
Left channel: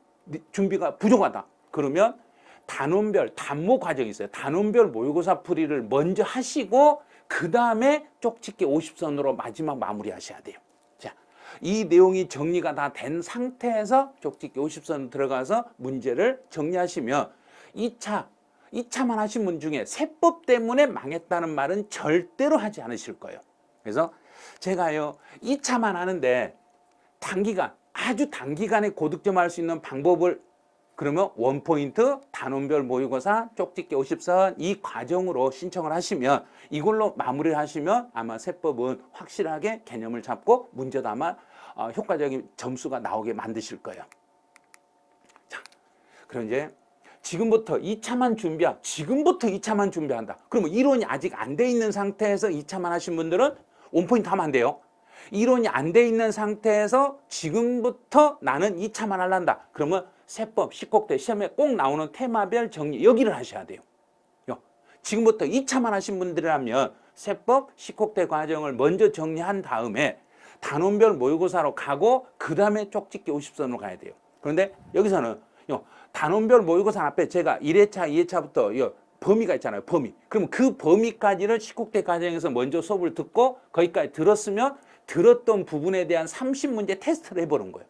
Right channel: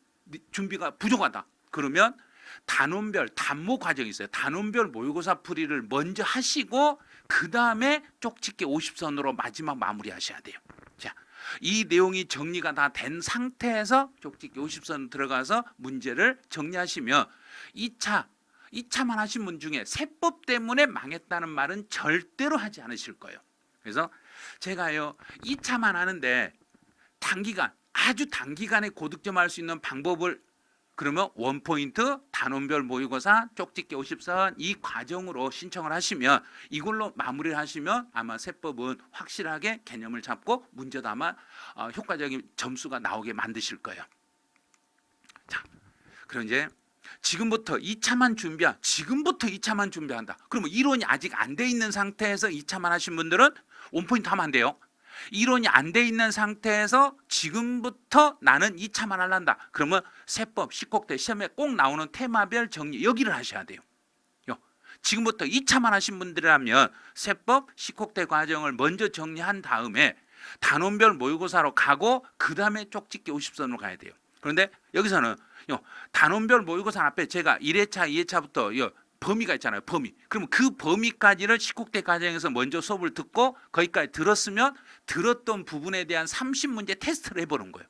준비가 부족하다. 그러면 단원별 단모 과정이 있어요. 단원별 모의고사 풀이를 먼저 하시고 그 다음에 쪽집기 50선으로 마지막 마무리 하셔야 돼요. 자, 이 내용이 정리가 다 된 상태에서 쪽집기 50선 들어가서 문제를 정리하시면 2차만 하신 분 중에 세법 때문에 망했다는 말은 절대로 하지 않으실 거예요. 그래서 제가요 2차만 하는데 아주 단기간에 고득점할 수 있는 방법을 그러면 원포인트, 단원별 모의고사, 쪽집기 50선 이 과정으로 신청을 하시면 이걸로 마무리를 하시면 아마 세법은 확실하게 개념을 잡고 문제도 아마 효과적인 점수가 나오게 만드실 거예요. 자, 그럼 이제 지금부터 2차만 준비한다. 그러면 이론이 아직 안 돼 있는 상태에서 2차만 하신 분들은 원포인트 하면 안 돼요. 이론이 안 돼 있는 상태에서 지금부터 나는 2차만 하란다. 그러면 세법, 식국대 시험에 꼭 나오는 테마별 정리 여기를 하셔야 돼요. 지금부터 2차만 하신 분들이라면 세법, 식국대 과정을 먼저 정리한 다음에 단원별 모의고사로 가고 그 다음에 쪽집기 50선으로 가야 돼요. 그런데 여기서는 단원별 모의고사 앞에 제가 1회차, 2회차부터 범위가 있잖아요. 범위. 그러면 그 범위까지는 식국대 과정에서 먼저 수업을 듣고 거기까지 들었으면 들었던 부분에 대한 30문제 테스트를 해보는 거예요.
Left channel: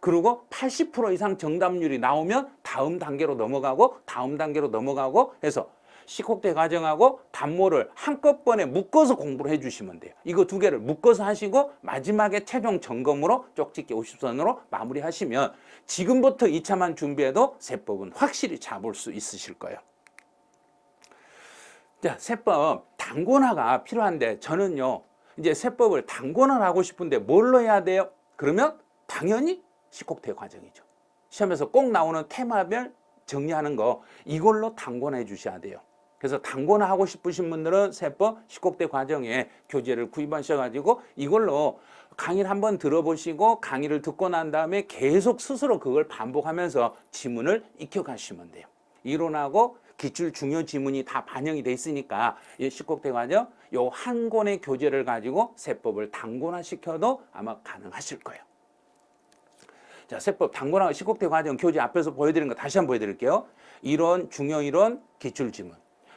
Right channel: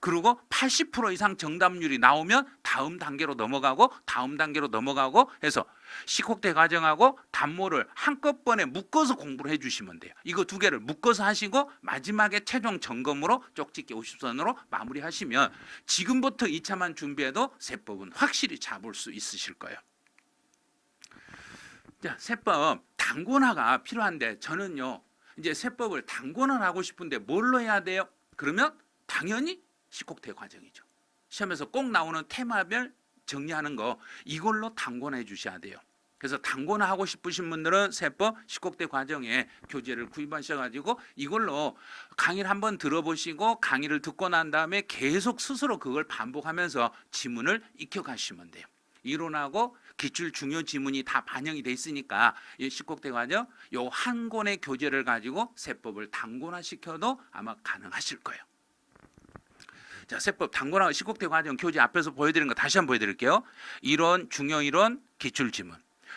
그리고 80% 이상 정답률이 나오면 다음 단계로 넘어가고 해서 식국대 과정하고 단모를 한꺼번에 묶어서 공부를 해주시면 돼요. 이거 두 개를 묶어서 하시고 마지막에 최종 점검으로 쪽집기 50선으로 마무리하시면 지금부터 2차만 준비해도 세법은 확실히 잡을 수 있으실 거예요. 자, 세법 단권화가 필요한데 저는요 이제 세법을 단권화를 하고 싶은데 뭘로 해야 돼요? 그러면 당연히 식국대 과정이죠. 시험에서 꼭 나오는 테마별 정리하는 거 이걸로 단권화해 주셔야 돼요. 그래서 단권화 하고 싶으신 분들은 세법 식국대 과정에 교재를 구입하셔가지고 이걸로 강의를 한번 들어보시고 강의를 듣고 난 다음에 계속 스스로 그걸 반복하면서 지문을 익혀가시면 돼요. 이론하고 기출 중요 지문이 다 반영이 돼 있으니까 이 식국대 과정 요 한 권의 교재를 가지고 세법을 단권화 시켜도 아마 가능하실 거예요. 자, 세법 단권화 식국대 과정 교재 앞에서 보여드린 거 다시 한번 보여드릴게요. 이론, 중요 이론, 기출 지문.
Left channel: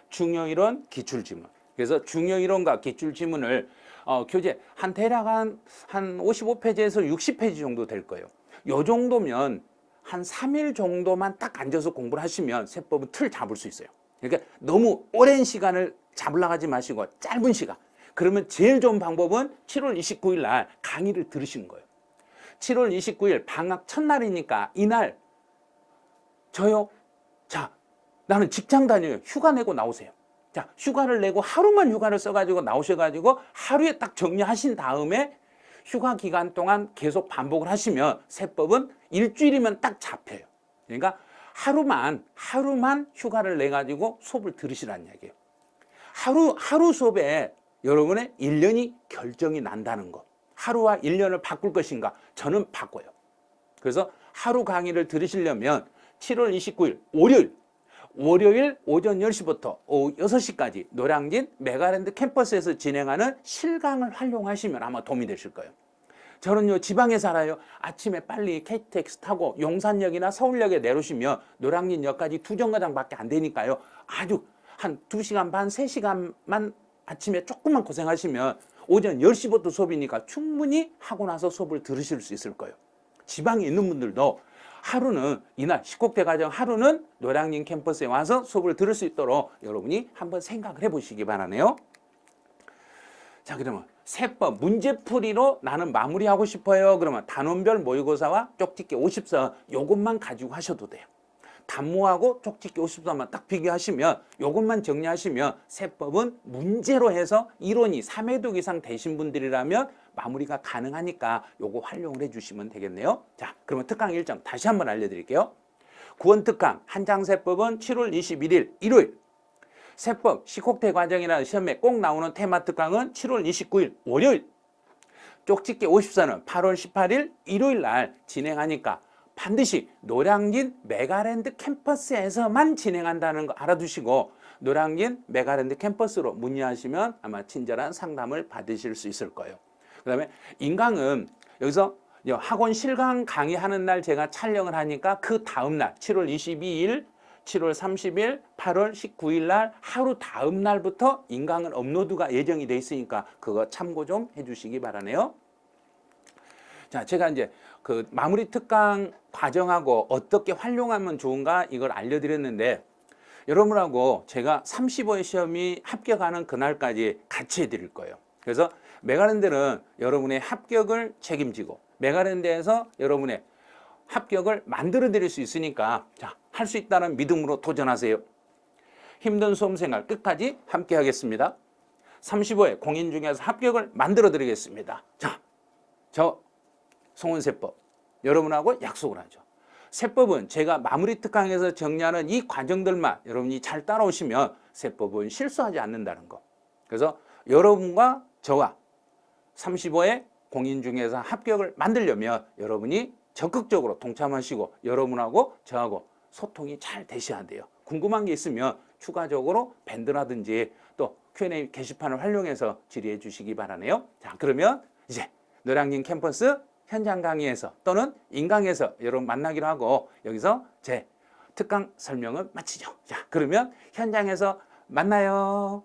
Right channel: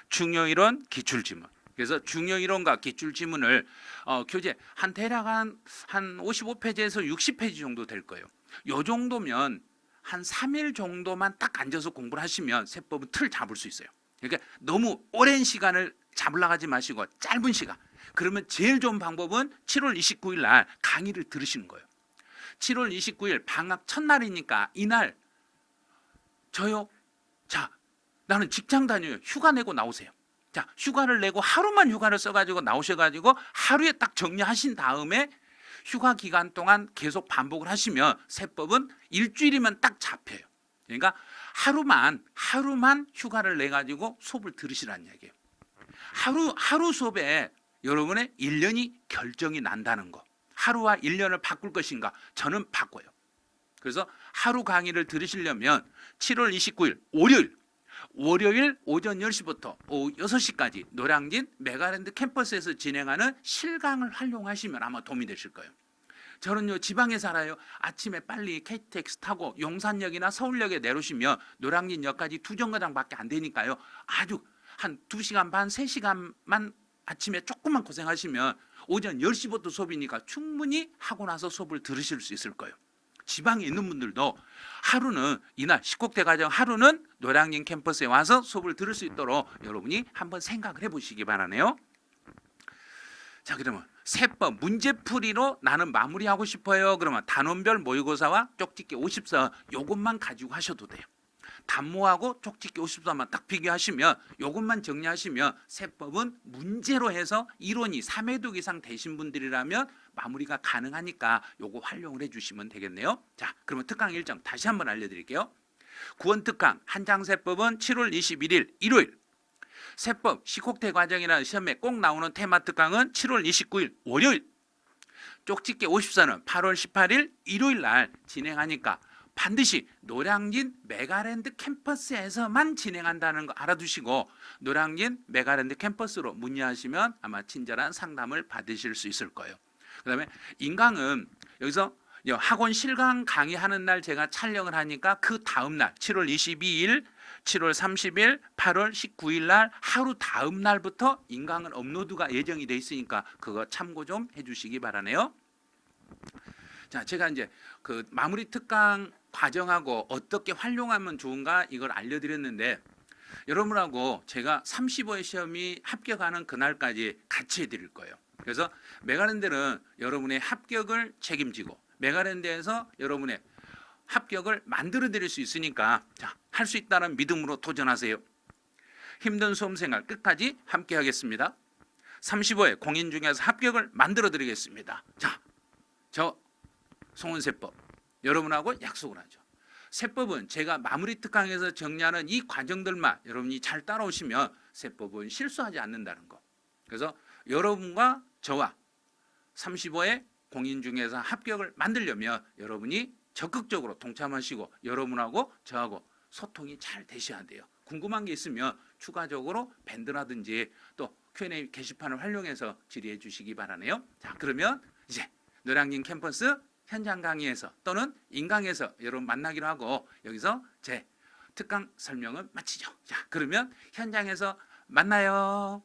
중요 이론, 기출 지문. 그래서 중요 이론과 기출 지문을 교재 대략 한 55페이지에서 60페이지 정도 될 거예요. 요 정도면 한 3일 정도만 딱 앉아서 공부를 하시면 세법은 틀 잡을 수 있어요. 그러니까 너무 오랜 시간을 잡으려고 하지 마시고 짧은 시간. 그러면 제일 좋은 방법은 7월 29일 날 강의를 들으시는 거예요. 7월 29일 방학 첫날이니까 이날 저요. 자, 나는 직장 다녀요. 휴가 내고 나오세요. 자, 휴가를 내고 하루만 휴가를 써가지고 나오셔가지고 하루에 딱 정리하신 다음에 휴가 기간 동안 계속 반복을 하시면 세법은 일주일이면 딱 잡혀요. 그러니까 하루만 휴가를 내 가지고 수업을 들으시라는 얘기예요. 하루 수업에 여러분의 1년이 결정이 난다는 거. 하루와 1년을 바꿀 것인가? 저는 바꿔요. 그래서 하루 강의를 들으시려면 7월 29일 월요일 오전 10시부터 오후 6시까지 노량진 메가랜드 캠퍼스에서 진행하는 실강을 활용하시면 아마 도움이 되실 거예요. 저는요 지방에 살아요. 아침에 빨리 KTX 타고 용산역이나 서울역에 내려오시면 노량진역까지 2정거장밖에 안 되니까요. 아주 한 2시간 반, 3시간만 아침에 조금만 고생하시면 오전 10시부터 수업이니까 충분히 하고 나서 수업을 들으실 수 있을 거예요. 지방에 있는 분들도 하루는 이날 10곡대 과정 하루는 노량진 캠퍼스에 와서 수업을 들을 수 있도록 여러분이 한번 생각을 해보시기 바라네요. 자, 그러면 세법 문제풀이로 나는 마무리하고 싶어요. 그러면 단원별 모의고사와 쪽집기 50서 요것만 가지고 하셔도 돼요. 단모하고 쪽집기 50서만 딱 비교하시면 요것만 정리하시면 세법은 문제로 해서 이론이 3회독 이상 되신 분들이라면 마무리가 가능하니까 요거 활용을 해주시면 되겠네요. 자, 그러면 특강 일정 다시 한번 알려드릴게요. 구원특강 한장세법은 7월 21일 일요일, 세법 시콕대 과정이라는 시험에 꼭 나오는 테마 특강은 7월 29일 월요일, 쪽집기 50서는 8월 18일 일요일 날 진행하니까 반드시 노량진 메가랜드 캠퍼스에서만 진행한다는 거 알아두시고 노량진 메가랜드 캠퍼스로 문의하시면 아마 친절한 상담을 받으실 수 있을 거예요. 그 다음에 인강은 여기서 학원 실강 강의하는 날 제가 촬영을 하니까 그 다음 날 7월 22일, 7월 30일, 8월 19일 날 하루 다음 날부터 인강은 업로드가 예정이 돼 있으니까 그거 참고 좀 해주시기 바라네요. 자, 제가 이제 그 마무리 특강 과정하고 어떻게 활용하면 좋은가 이걸 알려드렸는데 여러분하고 제가 35회 시험이 합격하는 그날까지 같이 해드릴 거예요. 그래서 메가랜드는 여러분의 합격을 책임지고 메가랜드에서 여러분의 합격을 만들어 드릴 수 있으니까 자, 할 수 있다는 믿음으로 도전하세요. 힘든 수험생활 끝까지 함께 하겠습니다. 35회 공인 중에서 합격을 만들어 드리겠습니다. 자, 저 송은세법 여러분하고 약속을 하죠. 세법은 제가 마무리 특강에서 정리하는 이 과정들만 여러분이 잘 따라오시면 세법은 실수하지 않는다는 거. 그래서 여러분과 저와 35회 공인 중에서 합격을 만들려면 여러분이 적극적으로 동참하시고 여러분하고 저하고 소통이 잘 되셔야 돼요. 궁금한 게 있으면 추가적으로 밴드라든지 또 Q&A 게시판을 활용해서 질의해 주시기 바라네요. 자, 그러면 이제 노량진 캠퍼스 현장 강의에서 또는 인강에서 여러분 만나기로 하고 여기서 제 특강 설명을 마치죠. 자, 그러면 현장에서 만나요.